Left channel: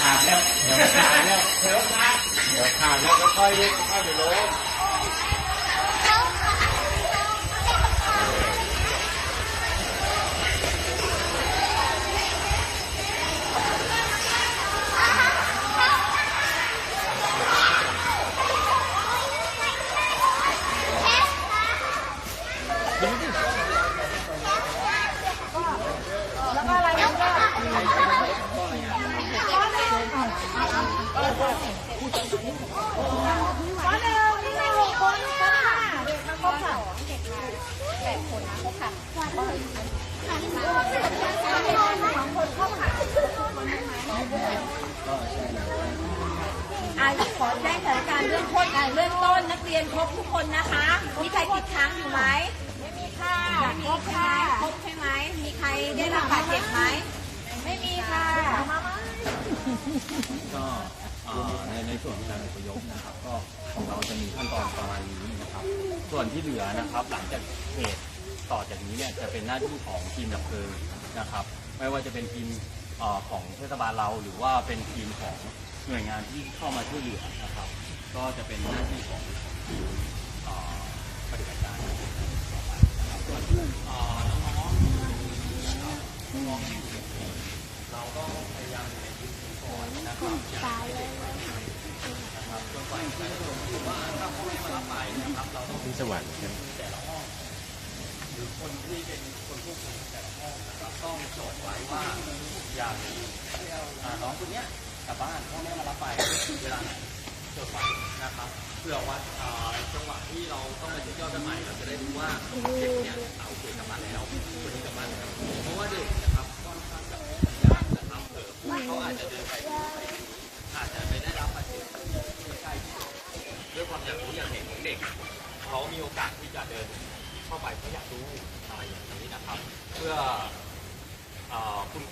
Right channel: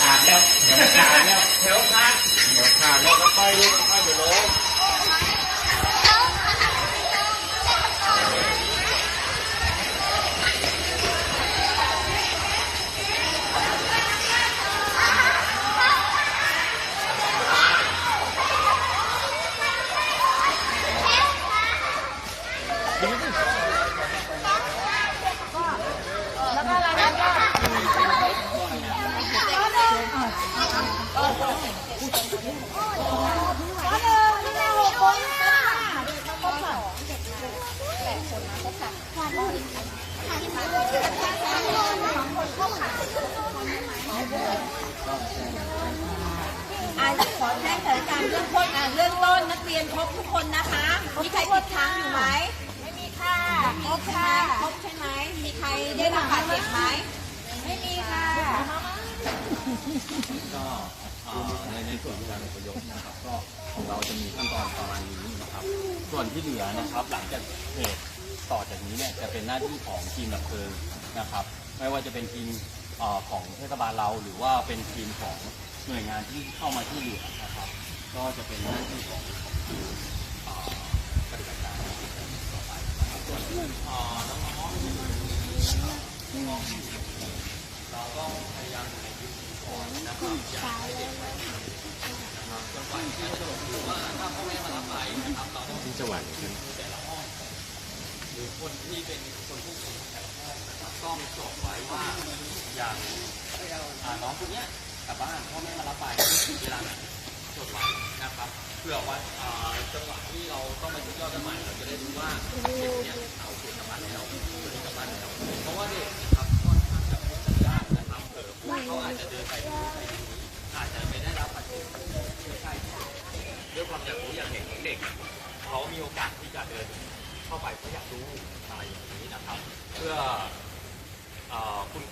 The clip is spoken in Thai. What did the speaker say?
ขาดแล้วเดี๋ยวขาดแล้วเดี๋ยวขาดเดี๋ยวขาดแล้วก็ค่อยค่อยไปลง แล้วก็อะไรวะก็ก็หนึ่งข้อหนึ่งข้อหนึ่งมีหกคนข้อห้าเด็กมาครบสองเด็กมาแปดคนนะครบสามอะขอแจ้งสถานการณ์เรื่องต้นอะเรื่องต้นนักเรียนครบทุกคนนะคะ มีใครติดค้างอยู่ไหม ไม่มีค่ะครบใช่ไหมครบใช่ไหม มีใครได้รับบาดเจ็บไหม ไม่มีค่ะ ก็รวมในในส่วนการอพยพนะครับก็ของเราจะมีขั้นตอนประมาณนี้นะครับ ส่วนที่เหลือนะครับ หลังจากเหตุต่อจากนี้เนี่ยจะเป็นหน้าที่ของทีมดับเพลิงนะครับ ไม่ว่าจะเป็นทีมของเทศบาลเรา หรือว่าเป็นทีมของหน่วยงานที่เข้ามาช่วยเหลือนะครับ ก็จะเป็นหน้าที่ของทีมปฏิบัติการต่อไปนะครับส่วนน้องๆน้องๆเราก็ ยายามอยู่ในพื้นที่ก่อนนะครับนะครับจนกว่าจะจบหรือว่าถ้าพ่อแม่มารับไปนะครับเราต้องที่จังหวัดแต่ละห้องหรือคนที่เป็นคนผู้ป่วยแต่ละห้องนะครับก็มีโจทย์ไว้ว่าอย่างน้องคนเนี้ยกลับบ้านพ่อแม่มารับไปเวลาไหนโจทย์ไว้นะครับเพื่อว่าอ่าจังหวะที่เราต้องไปเที่ยวกันใหม่เราจะได้รู้ว่า ด็กเขามีโอกาสที่จะเดินเข้าไปเพราะอยากรู้อะไรอย่างนี้นะครับ เพื่ออคุณ